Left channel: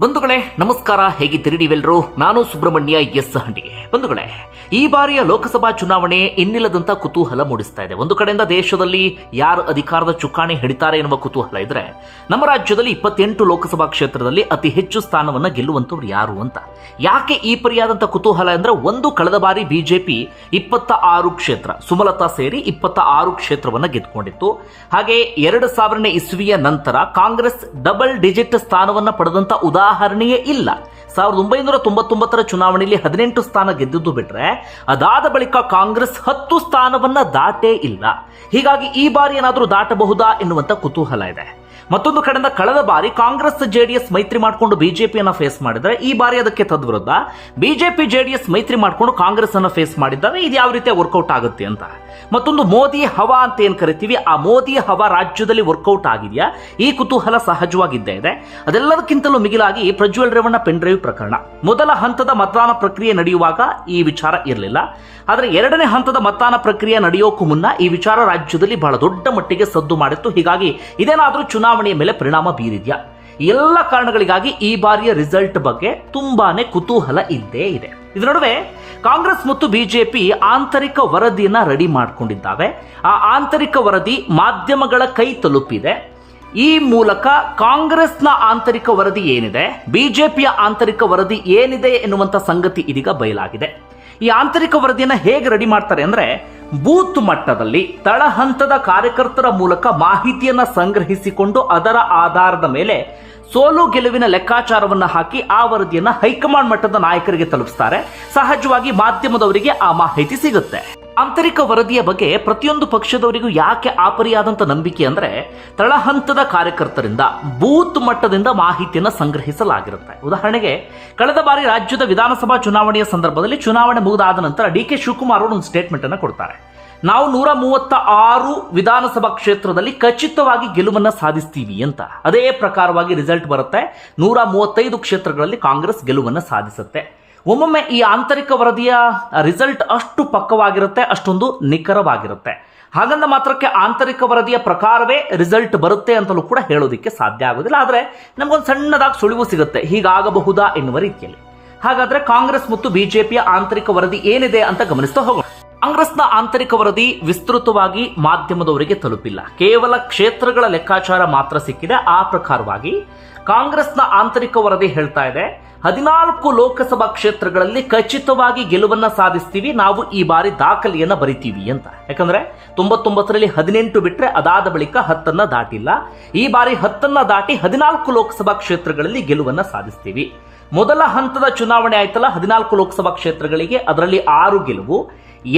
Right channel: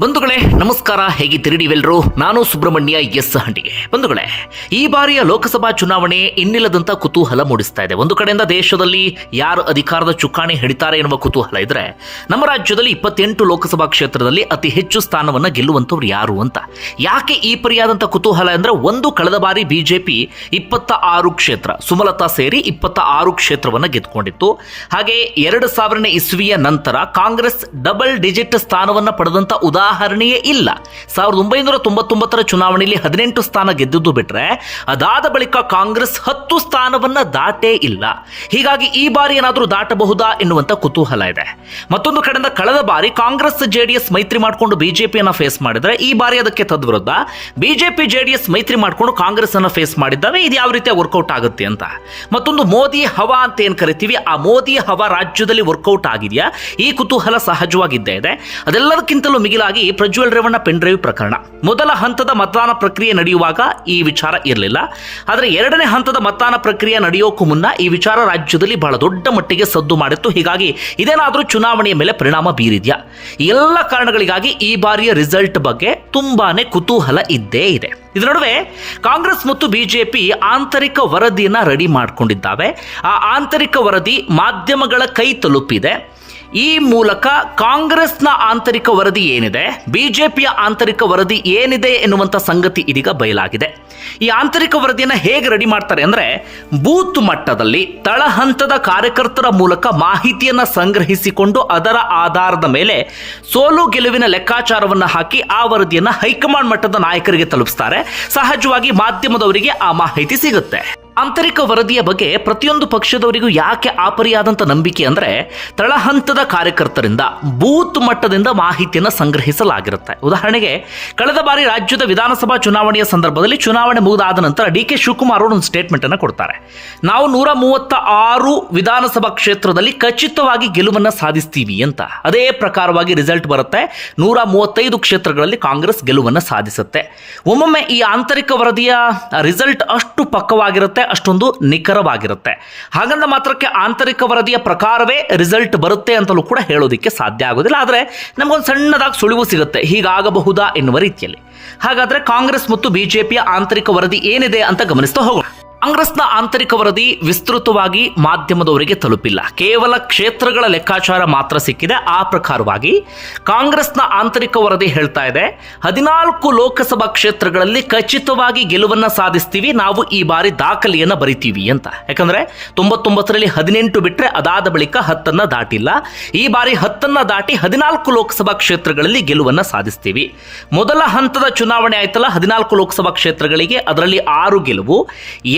ಬಂಧುಗಳೇ, ನಮಸ್ಕಾರ. ಹೇಗೆ ನೀವೆಲ್ಲರೂ ನಾನು ಸುಬ್ರಹ್ಮಣ್ಯ ಎಸ್ ಹಂಡಿಗೆ. ಬಂಧುಗಳೇ, ಈ ಬಾರಿಯ ಲೋಕಸಭಾ ಚುನಾವಣೆ ಇನ್ನಿಲ್ಲದಂತ ಕುತೂಹಲ ಮೂಡಿಸ್ತಾ ಇದೆ. ಒಂದು ಕಡೆಯಿಂದ ದೇಶದಲ್ಲಿ ಯಾರು ಅಧಿಕಾರದ ಚುಕ್ಕಾಣಿ ಹಿಡಿತಾರೆ ಎನ್ನುವ ಕುತೂಹಲ ಇದ್ರೆ, ನಮ್ಮ ರಾಜ್ಯದಲ್ಲಿ ಇಪ್ಪತ್ತೆಂಟು ಲೋಕಸಭಾ ಕ್ಷೇತ್ರದಲ್ಲಿ ಅತಿ ಹೆಚ್ಚು ಸ್ಥಾನವನ್ನು ಗೆಲ್ಲುವಂಥವ್ರು ಯಾರು ಅಂತ. ಯಾಕೆ ಈ ಪರಿಯಾದಂಥ ಕುತೂಹಲ ಅಂದ್ರೆ, ಒಂದು ಕಳೆದ ಬಾರಿ ಬಿಜೆಪಿ ಇಪ್ಪತ್ತ ಆರು ಕ್ಷೇತ್ರ, ಸುಮಲತಾ ಸೇರಿ ಇಪ್ಪತ್ತ ಆರು ಕ್ಷೇತ್ರವನ್ನು ಗೆದ್ದುಕೊಂಡಿತ್ತು ಹಾಗೆ ಎರಡು ಸಾವಿರನೇ ಇಸ್ವಿಯ ನಂತರ ಕಾಂಗ್ರೆಸ್ ಡಬಲ್ ಡಿಜಿಟ್ ಸ್ಥಾನವನ್ನ ಪಡೆದಂತ ಉದಾಹರಣೆಯೇ ಇಲ್ಲ. ಸಾವಿರದ ಒಂಬೈನೂರ ತೊಂಬತ್ತೊಂಬತ್ತರ ಚುನಾವಣೆಯಲ್ಲಿ ಹದಿನೆಂಟು ಸ್ಥಾನ ಗೆದ್ದುದು ಬಿಟ್ರೆ ಅದಾದ ಬಳಿಕ ಕಾಂಗ್ರೆಸ್ ಹತ್ತು ಸ್ಥಾನವನ್ನ ದಾಟೇ ಇಲ್ಲ. ಹೀಗಾಗಿ ಈ ಬಾರಿ ಏನಾದರೂ ದಾಟಬಹುದಾ ಎನ್ನುವಂತ ಕುತೂಹಲ ಇದೆ. ಮತ್ತೊಂದು ಕಡೆಯಿಂದ ಕಳೆದ ಬಾರಿ ಕಾಂಗ್ರೆಸ್ ಜೆಡಿಎಸ್ ಮೈತ್ರಿ ಮಾಡಿಕೊಂಡು ಬಿಜೆಪಿಯನ್ನ ಫೇಸ್ ಮಾಡಿದ್ರೆ ಈ ಬಾರಿ ಅದಕ್ಕೆ ತದ್ವಿರುದ್ಧ ಬಿಜೆಪಿ ಜೆಡಿಎಸ್ ಮೈತ್ರಿ ಮಾಡಿಕೊಂಡು ಕಾಂಗ್ರೆಸ್ ಅನ್ನ ಫೇಸ್ ಮಾಡಿದ್ದಾವೆ, ಇದು ಯಾವ ರೀತಿಯ ವರ್ಕೌಟ್ ಆಗುತ್ತೆ ಅಂತ. ಮತ್ತೊಂದು ಮೋದಿ ಹವಾ ಅಂತ ಏನ್ ಕರಿತೀವಿ, ಆ ಮೋದಿ ಹವಾ ರಾಜ್ಯದಲ್ಲಿ ವರ್ಕೌಟ್ ಆಗಿದೆಯಾ? ಈ ಕುತೂಹಲ ಸಹಜವಾಗಿದ್ದೇ ಇದೆ. ಅದೆಲ್ಲದಕ್ಕಿಂತಲೂ ಮಿಗಿಲಾಗಿ ಪ್ರಜ್ವಲ್ ರೇವಣ್ಣ ಪೆನ್ ಡ್ರೈವ್ ಪ್ರಕರಣ. ಮೊದಲ ಹಂತದ ಮತದಾನ ಪ್ರಕ್ರಿಯೆ ನಡೆಯುವಾಗ ಈ ವಿಚಾರ ಇರಲಿಲ್ಲ. ಆದರೆ ಎರಡನೇ ಹಂತದ ಮತದಾನ ಪ್ರಕ್ರಿಯೆ ನಡೆಯೋಕ್ಕೂ ಮುನ್ನ ಈ ವಿಚಾರ ರಾಜ್ಯದಲ್ಲಿ ಬಹಳ ದೊಡ್ಡ ಮಟ್ಟಿಗೆ ಸದ್ದು ಮಾಡಿತ್ತು. ಹೀಗಾಗಿ ಇದೇನಾದರೂ ಚುನಾವಣೆಯ ಮೇಲೆ ಪರಿಣಾಮ ಬೀರಿದೆಯಾ? ಎಲ್ಲ ಕಾರಣಗಳಿಗಾಗಿ ಈ ಬಾರಿಯ ರಿಸಲ್ಟ್ ಬಗ್ಗೆ ತುಂಬಾನೇ ಕುತೂಹಲ ಇದ್ದೇ ಇದೆ. ಇದರ ನಡುವೆ ಕಾಂಗ್ರೆಸ್ ಮತ್ತು ಬಿಜೆಪಿ ಆಂತರಿಕ ವರದಿಯನ್ನು ರೆಡಿ ಮಾಡಿಕೊಂಡಿದ್ದಾವೆ. ಆ ಆಂತರಿಕ ವರದಿ ಮಾಧ್ಯಮಗಳ ಕೈ ತಲುಪಿದೆ. ಈ ಮೂಲಕ ಕಾಂಗ್ರೆಸ್ನ ಆಂತರಿಕ ವರದಿ ಏನಿದೆ? ಬಿಜೆಪಿಯ ಆಂತರಿಕ ವರದಿ ಏನಿದೆ ಎನ್ನುವಂಥ ಸಂಗತಿ ಇದೀಗ ಬಯಲಾಗಿದೆ. ಈ ಆಂತರಿಕ ವರದಿಯನ್ನು ಹೇಗೆ ರೆಡಿ ಮಾಡ್ತಾರೆ ಅಂದರೆ, ಬೂತ್ ಮಟ್ಟದಲ್ಲಿ ತಳಹಂತದ ಕಾರ್ಯಕರ್ತರ ಮೂಲಕ ಮಾಹಿತಿಯನ್ನು ಸಂಗ್ರಹಿಸಿಕೊಂಡು ಅದರ ಆಧಾರದ ಮೇಲೆ ಸೋಲು ಗೆಲುವಿನ ಲೆಕ್ಕಾಚಾರವನ್ನು ಹಾಕಿ ಆ ವರದಿಯನ್ನು ಹೈಕಮಾಂಡ್ ಮಟ್ಟದ ನಾಯಕರಿಗೆ ತಲುಪಿಸ್ತಾರೆ. ಸಹಜವಾಗಿ ಮಾಧ್ಯಮದವರಿಗೆ ಆ ಮಾಹಿತಿ ಸಿಗುತ್ತೆ. ಆಂತರಿಕ ವರದಿಯ ಬಗ್ಗೆ ಪ್ರತಿಯೊಂದು ಪಕ್ಷದವರಿಗೂ ಯಾಕೆ ಆಪರಿಯಾದಂಥ ನಂಬಿಕೆ ಅಂದರೆ ತಳಹಂತದ ಕಾರ್ಯಕರ್ತರಿಂದ, ಬೂತ್ ಮಟ್ಟದಿಂದ ಮಾಹಿತಿಯನ್ನು ಸಂಗ್ರಹಿಸಲಾಗಿರುತ್ತೆ. ಉದಾಹರಣೆಗೆ, ಕಳೆದ ಬಾರಿ ರಾಜ್ಯದ ವಿಧಾನಸಭಾ ಚುನಾವಣೆಯ ಸಂದರ್ಭದಲ್ಲಿ ಚುನಾವಣೆ ಮುಗಿದಾದ ನಂತರ ಡಿ ಕೆ ಶಿವಕುಮಾರ್ ಅವರು ಒಂದು ಸ್ಟೇಟ್ಮೆಂಟ್ ಅನ್ನು ಕೊಡ್ತಾರೆ. ನಾವು ನೂರ ಮೂವತ್ತ ಆರು ವಿಧಾನಸಭಾ ಕ್ಷೇತ್ರದಲ್ಲಿ ಖಚಿತವಾಗಿ ಗೆಲುವನ್ನು ಸಾಧಿಸ್ತೀವಿ ಅಂತ. ಅದೇ ಪ್ರಕಾರವಾಗಿ ರಿಸಲ್ಟ್ ಬರುತ್ತೆ. ನೂರ ಮೂವತ್ತೈದು ಕ್ಷೇತ್ರಗಳಲ್ಲಿ ಕಾಂಗ್ರೆಸ್ ಗೆಲುವನ್ನು ಸಾಧಿಸುತ್ತೆ. ಒಮ್ಮೊಮ್ಮೆ ಈ ಆಂತರಿಕ ವರದಿಯ ರಿಸಲ್ಟ್ ಅಷ್ಟು ಪಕ್ಕವಾಗಿರುತ್ತೆ ಅಷ್ಟೊಂದು ನಿಖರವಾಗಿರುತ್ತೆ. ಹಾಗಂದ ಮಾತ್ರಕ್ಕೆ ಆಂತರಿಕ ವರದಿಯ ಪ್ರಕಾರವೇ ರಿಸಲ್ಟ್ ಬರುತ್ತೆ ಅಂತಲೂ ಕೂಡ ಹೇಳೋದಕ್ಕೆ ಸಾಧ್ಯ ಆಗೋದಿಲ್ಲ. ಆದರೆ ನಮಗೊಂದು ಸಣ್ಣದಾಗಿ ಸುಳಿವು ಸಿಗುತ್ತೆ. ಹೀಗಾಗಬಹುದಾ ಎನ್ನುವ ರೀತಿಯಲ್ಲಿ. ಹಾಗಾದ್ರೆ ಕಾಂಗ್ರೆಸ್ ಮತ್ತು ಬಿಜೆಪಿಯ ಆಂತರಿಕ ವರದಿ ಏನಿದೆ ಅಂತ ಗಮನಿಸ್ತಾ ಹೋಗೋಣ. ಕಾಂಗ್ರೆಸ್ನ ಆಂತರಿಕ ವರದಿ ವಿಸ್ತೃತವಾಗಿ ಮಾಧ್ಯಮದವರಿಗೆ ತಲುಪಿಲ್ಲ. ಕೇವಲ ಕ್ಷೇತ್ರಗಳ ಲೆಕ್ಕಾಚಾರ ಮಾತ್ರ ಸಿಕ್ಕಿದೆ. ಆ ಪ್ರಕಾರವಾಗಿ ಕಾಂಗ್ರೆಸ್ನ ಆಂತರಿಕ ವರದಿ ಹೇಳ್ತಾ ಇದೆ. ಹದಿನಾಲ್ಕು ಲೋಕಸಭಾ ಕ್ಷೇತ್ರಗಳಲ್ಲಿ ಖಚಿತವಾಗಿ ಗೆಲುವನ್ನ ಸಾಧಿಸ್ತೀವಿ. ನಾವು ಈ ಬಾರಿ ದಾಖಲೆಯನ್ನ ಬರಿತೀವಿ ಅಂತ. ಯಾಕಂದ್ರೆ ತೊಂಬತ್ತೊಂಬತ್ತರಲ್ಲಿ ಹದಿನೆಂಟು ಬಿಟ್ಟರೆ ಅದಾದ ಬಳಿಕ ಹತ್ತನ್ನ ದಾಟಿಲ್ಲ. ಈ ಬಾರಿ ಹತ್ತನ್ನ ದಾಟಿ ಹದಿನಾಲ್ಕು ಲೋಕಸಭಾ ಕ್ಷೇತ್ರಗಳಲ್ಲಿ ಗೆಲುವನ್ನ ಸಾಧಿಸ್ತೀವಿ. ಮೊದಲ ಹಂತದ ಚುನಾವಣೆ ಆಯ್ತಲ್ಲ, ಹದಿನಾಲ್ಕು ಲೋಕಸಭಾ ಕ್ಷೇತ್ರಗಳಿಗೆ ಅದರಲ್ಲಿ ಆರು ಗೆಲುವು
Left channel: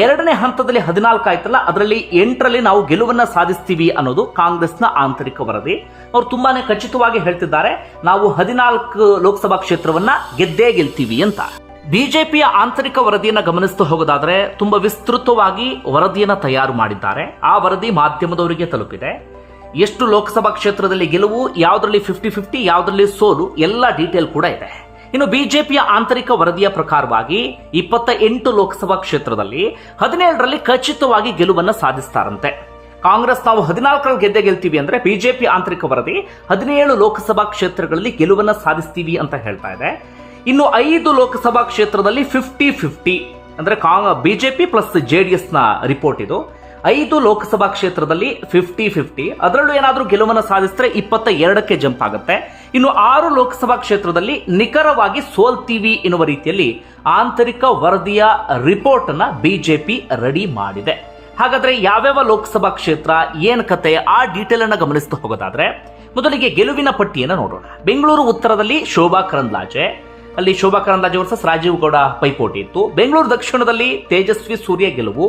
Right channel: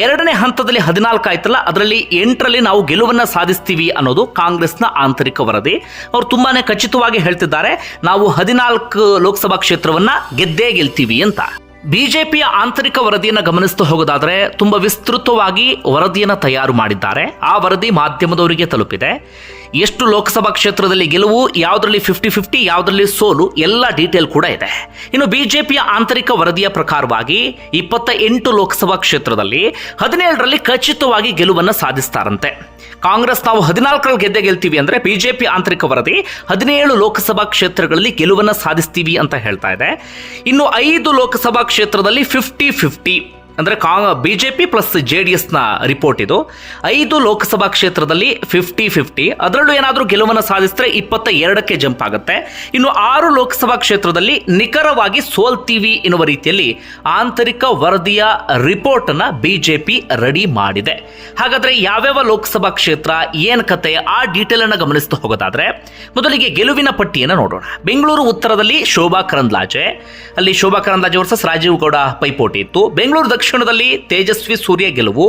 ಎರಡನೇ ಹಂತದಲ್ಲಿ ಹದಿನಾಲ್ಕು ಆಯ್ತಲ್ಲ, ಅದರಲ್ಲಿ ಎಂಟರಲ್ಲಿ ನಾವು ಗೆಲುವನ್ನ ಸಾಧಿಸ್ತೀವಿ ಅನ್ನೋದು ಕಾಂಗ್ರೆಸ್ನ ಆಂತರಿಕ ವರದಿ. ಅವರು ತುಂಬಾನೇ ಖಚಿತವಾಗಿ ಹೇಳ್ತಿದ್ದಾರೆ, ನಾವು ಹದಿನಾಲ್ಕು ಲೋಕಸಭಾ ಕ್ಷೇತ್ರವನ್ನ ಗೆದ್ದೇ ಗೆಲ್ತೀವಿ ಅಂತ. ಬಿಜೆಪಿಯ ಆಂತರಿಕ ವರದಿಯನ್ನು ಗಮನಿಸ್ತಾ ಹೋಗೋದಾದ್ರೆ, ತುಂಬಾ ವಿಸ್ತೃತವಾಗಿ ವರದಿಯನ್ನು ತಯಾರು ಮಾಡಿದ್ದಾರೆ. ಆ ವರದಿ ಮಾಧ್ಯಮದವರಿಗೆ ತಲುಪಿದೆ. ಎಷ್ಟು ಲೋಕಸಭಾ ಕ್ಷೇತ್ರದಲ್ಲಿ ಗೆಲುವು, ಯಾವುದರಲ್ಲಿ ಫಿಫ್ಟಿ ಫಿಫ್ಟಿ ಯಾವುದರಲ್ಲಿ ಸೋಲು, ಎಲ್ಲ ಡೀಟೇಲ್ ಕೂಡ ಇದೆ. ಇನ್ನು ಬಿಜೆಪಿಯ ಆಂತರಿಕ ವರದಿಯ ಪ್ರಕಾರವಾಗಿ ಇಪ್ಪತ್ತ ಎಂಟು ಲೋಕಸಭಾ ಕ್ಷೇತ್ರದಲ್ಲಿ ಹದಿನೇಳರಲ್ಲಿ ಖಚಿತವಾಗಿ ಗೆಲುವನ್ನು ಸಾಧಿಸ್ತಾರಂತೆ. ಕಾಂಗ್ರೆಸ್ ನಾವು ಹದಿನಾಲ್ಕರಲ್ಲಿ ಗೆದ್ದೆ ಗೆಲ್ತೀವಿ ಅಂದರೆ ಬಿಜೆಪಿ ಆಂತರಿಕ ವರದಿ ಹದಿನೇಳು ಲೋಕಸಭಾ ಕ್ಷೇತ್ರಗಳಲ್ಲಿ ಗೆಲುವನ್ನು ಸಾಧಿಸ್ತೀವಿ ಅಂತ ಹೇಳ್ತಾ ಇದೆ. ಇನ್ನು ಐದು ಲೋಕಸಭಾ ಕ್ಷೇತ್ರದಲ್ಲಿ ಫಿಫ್ಟಿ ಫಿಫ್ಟಿ ಅಂದರೆ ಕಾ ಬಿ ಪ್ಲಸ್ ಜೆ ಡಿ ಎಸ್ನ ರಿಪೋರ್ಟ್ ಇದು. ಐದು ಲೋಕಸಭಾ ಕ್ಷೇತ್ರದಲ್ಲಿ ಫಿಫ್ಟಿ ಫಿಫ್ಟಿ ಅದರಲ್ಲೂ ಏನಾದರೂ ಗೆಲುವನ್ನು ಸಾಧಿಸಿದ್ರೆ ಇಪ್ಪತ್ತ ಎರಡಕ್ಕೆ ಜಂಪ್ ಆಗುತ್ತೆ. ಇನ್ನು ಆರು ಲೋಕಸಭಾ ಕ್ಷೇತ್ರದಲ್ಲಿ ನಿಖರವಾಗಿ ಸೋಲ್ತೀವಿ ಎನ್ನುವ ರೀತಿಯಲ್ಲಿ ಆಂತರಿಕ ವರದಿಯ ರಿಪೋರ್ಟನ್ನು ಬಿ ಜೆ ರೆಡಿ ಮಾಡಿದೆ. ಹಾಗಾದರೆ ಯಾವ್ಯಾವ ಲೋಕಸಭಾ ಕ್ಷೇತ್ರ ಏನು ಕತೆ ಆ ಡೀಟೇಲನ್ನು ಗಮನಿಸ್ತಾ ಹೋಗೋದಾದ್ರೆ ಮೊದಲಿಗೆ ಗೆಲುವಿನ ಪಟ್ಟಿಯನ್ನು ನೋಡೋಣ. ಬೆಂಗಳೂರು ಉತ್ತರದಲ್ಲಿ ಶೋಭಾ ಕರಂದ್ಲಾಜೆ. ಅಲ್ಲಿ ಶೋಭಾ ಕರಂದ್ಲಾಜೆ ವರ್ಸಸ್ ರಾಜೀವ್ ಗೌಡ ಪೈಪೋಟಿ ಇತ್ತು. ಬೆಂಗಳೂರು ದಕ್ಷಿಣದಲ್ಲಿ ತೇಜಸ್ವಿ ಸೂರ್ಯ ಗೆಲುವು.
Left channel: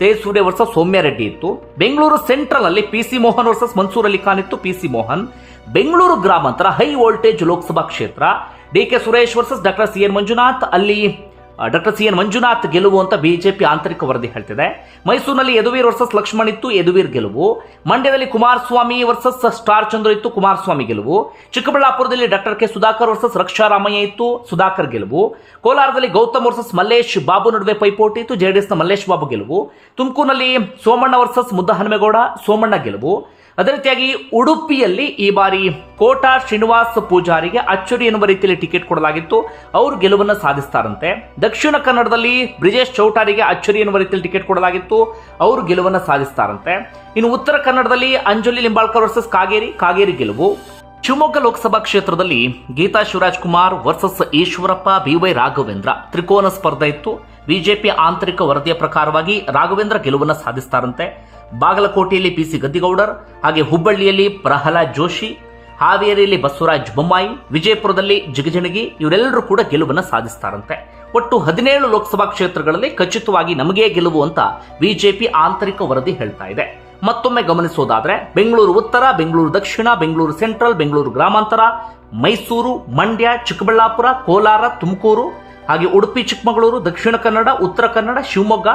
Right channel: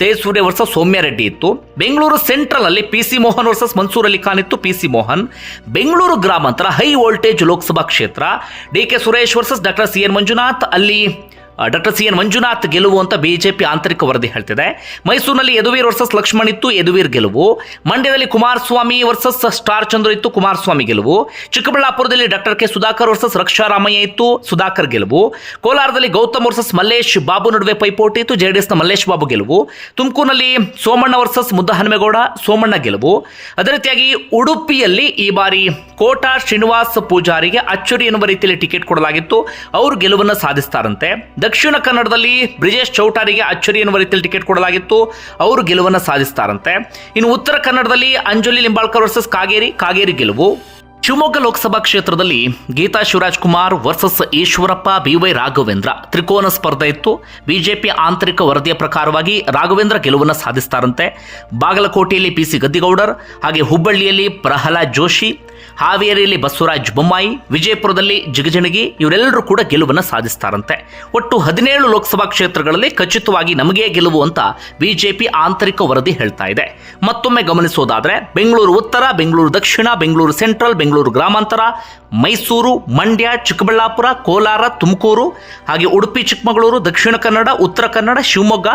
ತೇಜ್ ಸೂರ್ಯ ವರ್ಸಸ್ ಸೌಮ್ಯ ರೆಡ್ಡಿ ಇತ್ತು. ಬೆಂಗಳೂರು ಸೆಂಟ್ರಲ್ ಅಲ್ಲಿ P C Mohan versus Mansoor Ali Khan ಇತ್ತು. P C Mohan. ಬೆಂಗಳೂರು ಗ್ರಾಮಾಂತರ ಹೈ ವೋಲ್ಟೇಜ್ ಲೋಕಸಭಾ ಕ್ಷೇತ್ರ. D K Suresh versus doctor C N Manjunath ಅಲ್ಲಿ ಡಾಕ್ಟರ್ ಸಿ ಎನ್ ಮಂಜುನಾಥ್ ಗೆಲುವು ಅಂತ ಬಿಜೆಪಿ ಆಂತರಿಕ ವರದಿ ಹೇಳ್ತಿದೆ. ಮೈಸೂರಿನಲ್ಲಿ ಯದುವೀರ್ ವರ್ಸಸ್ ಲಕ್ಷ್ಮಣ್ ಇತ್ತು, ಯದುವೀರ್ ಗೆಲುವು. ಮಂಡ್ಯದಲ್ಲಿ ಕುಮಾರಸ್ವಾಮಿ ವರ್ಸಸ್ ಸ್ಟಾರ್ ಚಂದ್ರ ಇತ್ತು, ಕುಮಾರಸ್ವಾಮಿ ಗೆಲುವು. ಚಿಕ್ಕಬಳ್ಳಾಪುರದಲ್ಲಿ doctor K Sudhakar versus Raksha Ramaiah ಇತ್ತು, ಸುಧಾಕರ್ ಗೆಲುವು. ಕೋಲಾರದಲ್ಲಿ ಗೌತಮ್ ವರ್ಸಸ್ ಮಲ್ಲೇಶ್ ಬಾಬು ನಡುವೆ ಪೈಪೋಟಿ ಇತ್ತು, ಜೆಡಿಎಸ್ನ ಮಲ್ಲೇಶ್ ಬಾಬು ಗೆಲುವು. ತುಮಕೂರಿನಲ್ಲಿ ಸೋಮಣ್ಣ ವರ್ಸಸ್ ಮುದ್ದಹನುಮೇಗೌಡ ಸೋಮಣ್ಣ ಗೆಲುವು. ಅದೇ ರೀತಿಯಾಗಿ ಉಡುಪಿಯಲ್ಲಿ ಈ ಬಾರಿ ಕೋಟಾ ಶ್ರೀನಿವಾಸ್ ಪೂಜಾರಿಗೆ ಅಚ್ಚರಿ ಎನ್ನುವ ರೀತಿಯಲ್ಲಿ ಟಿಕೆಟ್ ಕೊಡಲಾಗಿತ್ತು. ಅವರು ಗೆಲುವನ್ನು ಸಾಧಿಸ್ತಾರಂತೆ. ದಕ್ಷಿಣ ಕನ್ನಡದಲ್ಲಿ ಬ್ರಿಜೇಶ್ ಚೌಟಾರಿಗೆ ಅಚ್ಚರಿ ಎನ್ನುವ ರೀತಿಯಲ್ಲಿ ಟಿಕೆಟ್ ಕೊಡಲಾಗಿತ್ತು. ಅವರು ಗೆಲುವನ್ನು ಸಾಧಿಸ್ತಾರಂತೆ. ಇನ್ನು ಉತ್ತರ ಕನ್ನಡದಲ್ಲಿ ಅಂಜಲಿ ಲಿಂಬಾಳ್ಕರ್ ವರ್ಸಸ್ ಕಾಗೇರಿ ಕಾಗೇರಿ ಗೆಲುವು. ಶಿವಮೊಗ್ಗ ಲೋಕಸಭಾ ಕ್ಷೇತ್ರದಲ್ಲಿ Geetha Shivaraj Kumar versus Eshwarappa B Y Raghavendra. ತ್ರಿಕೋನ ಸ್ಪರ್ಧೆ ಇತ್ತು. ಬಿಜೆಪಿ ಆಂತರಿಕ ವರದಿಯ ಪ್ರಕಾರವಾಗಿ ರಾಘವೇಂದ್ರ ಗೆಲುವನ್ನು ಸಾಧಿಸ್ತಾರಂತೆ. ಬಾಗಲಕೋಟೆಯಲ್ಲಿ ಪಿ ಸಿ ಗದ್ದಿಗೌಡರ್, ಹಾಗೆ ಹುಬ್ಬಳ್ಳಿಯಲ್ಲಿ ಪ್ರಹ್ಲಾದ್ ಜೋಶಿ ಹಾವೇರಿಯಲ್ಲಿ ಬಸವರಾಜ್ ಬೊಮ್ಮಾಯಿ, ವಿಜಯಪುರದಲ್ಲಿ ಜಿಗಜಣಗಿ ಇವರೆಲ್ಲರೂ ಕೂಡ ಗೆಲುವನ್ನು ಸಾಧಿಸ್ತಾರಂತೆ. ಒಟ್ಟು ಹದಿನೇಳು ಲೋಕಸಭಾ ಕ್ಷೇತ್ರಗಳಲ್ಲಿ ಖಚಿತವಾಗಿ ನಮಗೇ ಗೆಲುವು ಅಂತ ಬಿಜೆಪಿ ಆಂತರಿಕ ವರದಿ ಹೇಳ್ತಾ ಇದೆ. ಮತ್ತೊಮ್ಮೆ ಗಮನಿಸೋದಾದ್ರೆ, ಬೆಂಗಳೂರು ಉತ್ತರ, ಬೆಂಗಳೂರು ದಕ್ಷಿಣ, ಬೆಂಗಳೂರು ಸೆಂಟ್ರಲ್, ಬೆಂಗಳೂರು ಗ್ರಾಮಾಂತರ, ಮೈಸೂರು, ಮಂಡ್ಯ, ಚಿಕ್ಕಬಳ್ಳಾಪುರ, ಕೋಲಾರ, ತುಮಕೂರು, ಹಾಗೆ ಉಡುಪಿ, ಚಿಕ್ಕಮಗಳೂರು, ದಕ್ಷಿಣ ಕನ್ನಡ, ಉತ್ತರ ಕನ್ನಡ, ಶಿವಮೊಗ್ಗ,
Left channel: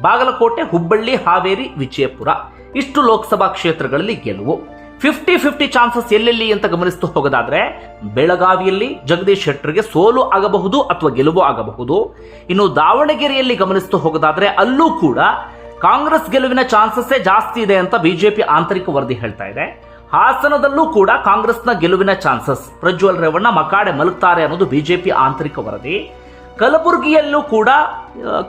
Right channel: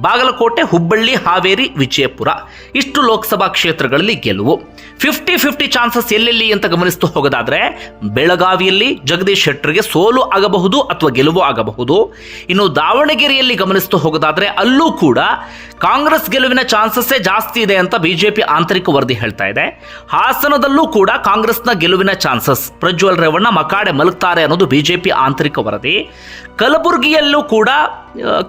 ಬಾಗಲಕೋಟೆ, ಹುಬ್ಬಳ್ಳಿ, ಹಾವೇರಿ, ವಿಜಯಪುರ. ಇಷ್ಟು ಲೋಕಸಭಾ ಕ್ಷೇತ್ರಗಳಲ್ಲಿ ಗೆಲುವು. ಫಿಫ್ಟಿ ಫಿಫ್ಟಿ ಚಾನ್ಸಸ್ ಎಲ್ಲೆಲ್ಲಿ ಅಂತ ಗಮನಿಸ್ತಾ ಹೋಗೋದಾದ್ರೆ, ಬೆಳಗಾವಿಯಲ್ಲಿ ಜಗದೀಶ್ ಶೆಟ್ಟರ್ಗೆ ಸೋಲು ಆಗಬಹುದು ಅಥವಾ ಗೆಲುವು ಆಗಬಹುದು. ಇನ್ನು ದಾವಣಗೆರೆಯಲ್ಲಿ ಗಮನಿಸ್ತಾ ಹೋಗೋದಾದ್ರೆ, ಅಲ್ಲೂ ಕೂಡ ಕಾಂಗ್ರೆಸ್ ಗೆಲುವಿನ ಚಾನ್ಸಸ್ಸೇ ಜಾಸ್ತಿ ಇದೆ ಅಂತ ಬಿಜೆಪಿ ಆಂತರಿಕ ವರದಿ ಹೇಳ್ತಾ ಇದೆ. ಹಾಸನದಲ್ಲೂ ಕೂಡ ಕಾಂಗ್ರೆಸ್ನ ಗೆಲುವಿನ ಚಾನ್ಸಸ್. ಪ್ರಜ್ವಲ್ ರೇವಣ್ಣ ಮಕಾಡೆ ಮಲಗ್ತಾರೆ ಅನ್ನೋದು ಬಿಜೆಪಿ ಆಂತರಿಕ ವರದಿ. ಕಲಬುರಗಿಯಲ್ಲೂ ಕೂಡ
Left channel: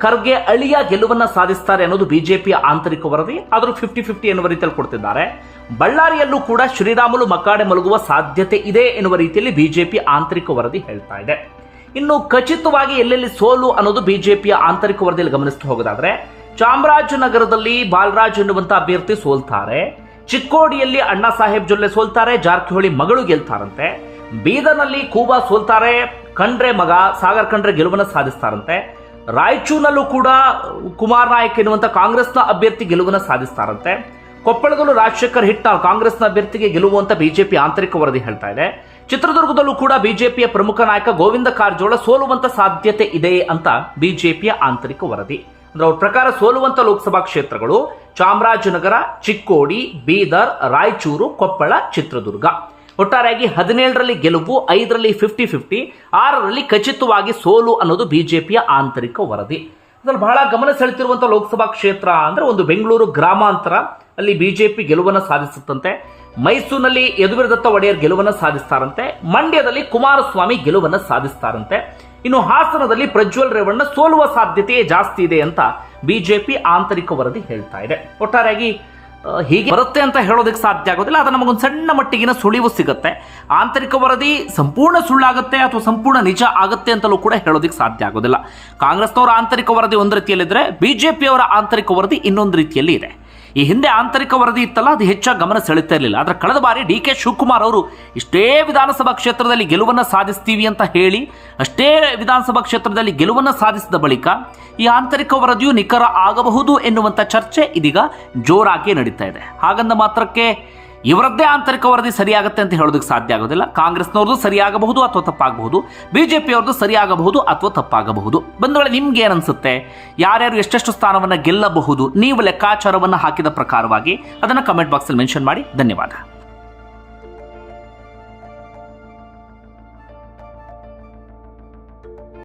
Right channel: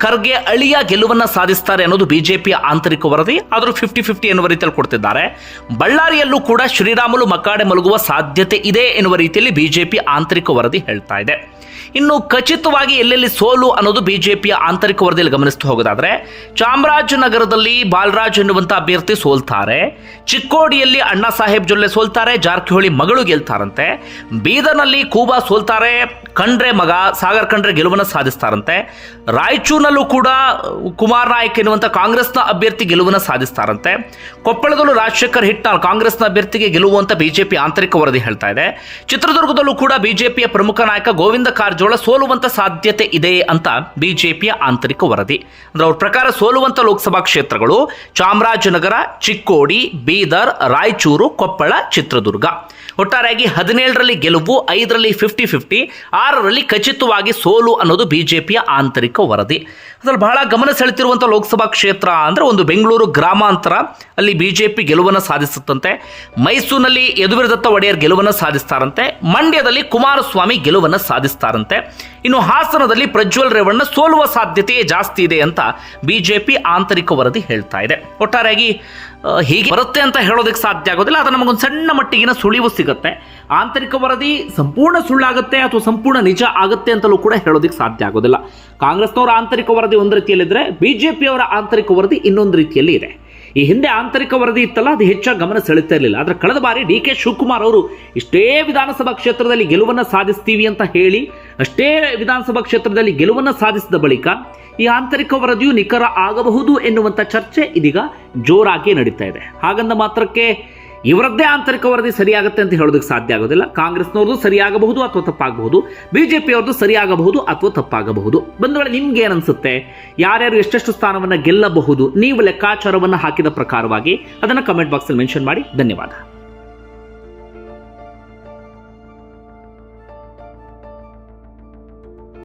ಖರ್ಗೆ ಅಳಿಯ ಗೆಲುವನ್ನು ಸಾಧಿಸ್ತಾರೆ ಅನ್ನೋದು ಬಿಜೆಪಿಯ ಆಂತರಿಕ ವರದಿ. ಆದರೂ ಫಿಫ್ಟಿ ಫಿಫ್ಟಿ ಎನ್ನುವ ರೀತಿಯಲ್ಲಿ ಕೊಡ್ತಿದ್ದಾರೆ. ಬಳ್ಳಾರಿಯಲ್ಲೂ ಕೂಡ ಶ್ರೀರಾಮುಲು ಮಕಾಡೆ ಮಲಗುವ ಸಾಧ್ಯತೆ ಇದೆ ಎನ್ನುವ ರೀತಿಯಲ್ಲಿ ಬಿಜೆಪಿ ಆಂತರಿಕ ವರದಿ ಹೇಳ್ತಾ ಇದೆ. ಇನ್ನು ಖಚಿತವಾಗಿ ಎಲ್ಲೆಲ್ಲಿ ಸೋಲು ಅನ್ನೋದು ಬಿಜೆಪಿಯ ಆಂತರಿಕ ವರದಿಯಲ್ಲಿ ಗಮನಿಸ್ತಾ ಹೋಗೋದಾದ್ರೆ, ಚಾಮರಾಜನಗರದಲ್ಲಿ ಬಾಲರಾಜ್ ಎನ್ನುವಂತ ಅಭ್ಯರ್ಥಿ ಸೋಲ್ತಾರೆ, ಚಿಕ್ಕೋಡಿಯಲ್ಲಿ ಅಣ್ಣಾ ಸಾಹೇಬ್ ಜೊಲ್ಲೆ ಸೋಲ್ತಾರೆ, ಜಾರಕಿಹೊಳಿ ಮಗಳು ಗೆಲ್ತಾರಂತೆ, ಬೀದರ್ನಲ್ಲಿ ಕೂಬಾ ಸೋಲ್ತಾರೆ, ಖಂಡ್ರೆ ಮಗ ಸಾಗರ್ ಖಂಡ್ರೆ ಗೆಲುವನ್ನು ಸಾಧಿಸ್ತಾರಂತೆ, ರಾಯಚೂರಿನಲ್ಲೂ ಕೂಡ ಕುಮಾರ್ ನಾಯಕ್ ಎನ್ನುವಂಥ ಕಾಂಗ್ರೆಸ್ನ ಅಭ್ಯರ್ಥಿ ಗೆಲುವನ್ನು ಸಾಧಿಸ್ತಾರಂತೆ, ಕೊಪ್ಪಳದಲ್ಲೂ ರಾಜಶೇಖರ್ ಹಿಟ್ನಾಳ್ ಕಾಂಗ್ರೆಸ್ನ ಅಭ್ಯರ್ಥಿಗೆ ಗೆಲುವು ಅಂತ ಬಿಜೆಪಿ ಆಂತರಿಕ ವರದಿ ಹೇಳ್ತಾ ಇದೆ, ಚಿತ್ರದುರ್ಗದಲ್ಲೂ ಕೂಡ ಬಿಜೆಪಿಯ ಪ್ರಮುಖ ನಾಯಕ ಗೋವಿಂದ ಕಾರಜೋಳ ಸೋಲುವಂತ ಸಾಧ್ಯತೆ ಇದೆ ಅಂತ ಬಿಜೆಪಿಯ ಆಂತರಿಕ ವರದಿ. ಅಂದ್ರೆ ಅವ್ರ ಪ್ರಕಾರ ಸೋಲುವಂತ ಲೋಕಸಭಾ ಕ್ಷೇತ್ರಗಳು ಚಾಮರಾಜನಗರ, ಚಿಕ್ಕೋಡಿ, ಬೀದರ್, ರಾಯಚೂರು, ಕೊಪ್ಪಳ, ಚಿತ್ರದುರ್ಗ. ಒಟ್ಟಾರೆಯಾಗಿ ಹದಿನೇಳರಲ್ಲಿ ಗೆಲುವು, ಐದರಲ್ಲಿ ಫಿಫ್ಟಿ ಫಿಫ್ಟಿ ಆರರಲ್ಲಿ ಖಚಿತವಾಗಿ ಸೋಲು ಅನ್ನೋದು ಬಿಜೆಪಿಯ ಆಂತರಿಕ ವರದಿ. ಅದರಲ್ಲಿ ಬಹಳ ಗಮನ ಸೆಳೆತಿರುವಂಥ ಲೋಕಸಭಾ ಕ್ಷೇತ್ರ ಅಂದರೆ ಒಂದು ಬೆಂಗಳೂರು ಗ್ರಾಮಾಂತರ. ಅಲ್ಲಿ ಬಿ ಜೆ ಪಿ ಗೆಲುವನ್ನು ಸಾಧಿಸುತ್ತಂತೆ. ಮೈಸೂರಿನಲ್ಲಿ ಯದುವೀರ್ ದತ್ತ ಒಡೆಯರ್ ಗೆಲುವನ್ನು ಸಾಧಿಸ್ತಾರಂತೆ. ಮಂಡ್ಯದಲ್ಲಿ ಕುಮಾರಸ್ವಾಮಿ ಗೆಲುವನ್ನು ಸಾಧಿಸ್ತಾರಂತೆ. ಇನ್ನು ಹಾಸನದಲ್ಲಿ ಪ್ರಜ್ವಲ್ ರೇವಣ್ಣ ಸೋಲುವ ಸಾಧ್ಯತೆ ಜಾಸ್ತಿ ಇದೆ ಅಂತ ಬಿಜೆಪಿ ಆಂತರಿಕ ವರದಿ ಹೇಳ್ತಾ ಇದೆ. ಒಟ್ಟಾರೆಯಾಗಿ ಹೀಗೆ ಬರುತ್ತೆ ಅಂತ ಹೇಳೋದಕ್ಕೆ ಸಾಧ್ಯ ಆಗೋದಿಲ್ಲ ಅದು ನಮಗೊಂದು ಸಣ್ಣ ಮಟ್ಟಿಗಿನ ಸುಳಿವು ಸಿಗುತ್ತೆ. ಆಂತರಿಕ ವರದಿ ಸಂಪೂರ್ಣ ಸುಳ್ಳಾಗುತ್ತೆ ಅಥವಾ ಸಂಪೂರ್ಣ ನಿಜ ಆಗುತ್ತೆ ಅಂತಲೂ ಕೂಡ ಹೇಳೋದಕ್ಕೆ ಸಾಧ್ಯ ಆಗೋದಿಲ್ಲ. ಕಾಂಗ್ರೆಸ್ನವರ ಆಂತರಿಕ ವರದಿ ಒಂದು ರೀತಿಯಲ್ಲಿದ್ದರೆ ಬಿ ಜೆ ಪಿಯವರ ಆಂತರಿಕ ವರದಿ ಇನ್ನೊಂದು ರೀತಿಯಲ್ಲಿ ಇದೆ. ಈ ಹಿಂದೆ ಆಂತರಿಕ ವರದಿ ಇತ್ತಲ್ಲ, ಅದು ಹೆಚ್ಚಾಗಿ ಗಮನ ಸೆಳೀತಾ ಇರಲಿಲ್ಲ. ಆದರೆ ಕಳೆದ ಬಾರಿ ಡಿ ಕೆ ಶಿವಕುಮಾರ್ ಅವರು ಇಷ್ಟೇ ವಿಧಾನಸಭಾ ಕ್ಷೇತ್ರದಲ್ಲಿ ಗೆಲುವನ್ನು ಸಾಧಿಸ್ತೀವಿ ಅಂತ ಹೇಳಿ, ಅಷ್ಟೇ ವಿಧಾನಸಭಾ ಕ್ಷೇತ್ರದಲ್ಲಿ ಗೆಲುವನ್ನು ಸಾಧಿಸಿದ ಬಳಿಕ ಈ ಆಂತರಿಕ ವರದಿಯು ನಿಖರ ಆಗಬಹುದು ಎನ್ನುವಂಥ ಚರ್ಚೆ ಇದೀಗ ಜೋರಾಗಿ ನಡೀತಾ ಇದೆ. ಹಾಗಂದ ಮಾತ್ರಕ್ಕೆ ಇವರದ್ದೇ ಆಂತರಿಕ ವರದಿ ಸರಿಯಾಗುತ್ತೆ ಅಂತ ಹೇಳೋದಕ್ಕೆ ಸಾಧ್ಯ ಆಗೋದಿಲ್ಲ. ಕಾಂಗ್ರೆಸ್ನವ್ರದ್ದು ಸರಿಯಾಗಬಹುದು ಅಥವಾ ತಪ್ಪಾಗಬಹುದು. ಬಿಜೆಪಿಯವ್ರದ್ದು ಸರಿಯಾಗಬಹುದು ಅಥವಾ ತಪ್ಪಾಗಬಹುದು. ಬಂಧುಗಳೇ ನಿಮ್ಗೆ ಏನನ್ಸುತ್ತೆ ಯಾರ್ಯಾರು ಎಷ್ಟೆಷ್ಟು ಸ್ಥಾನವನ್ನು ಗೆಲ್ಲಬಹುದು? ನೀವು ಲೆಕ್ಕಾಚಾರವನ್ನು ಹಾಕಿದ ಪ್ರಕಾರವಾಗಿ ಅದನ್ನು ಕಮೆಂಟ್ ಬಾಕ್ಸಲ್ಲಿ ಮೆನ್ಷನ್ ಮಾಡಿ. ಧನ್ಯವಾದ.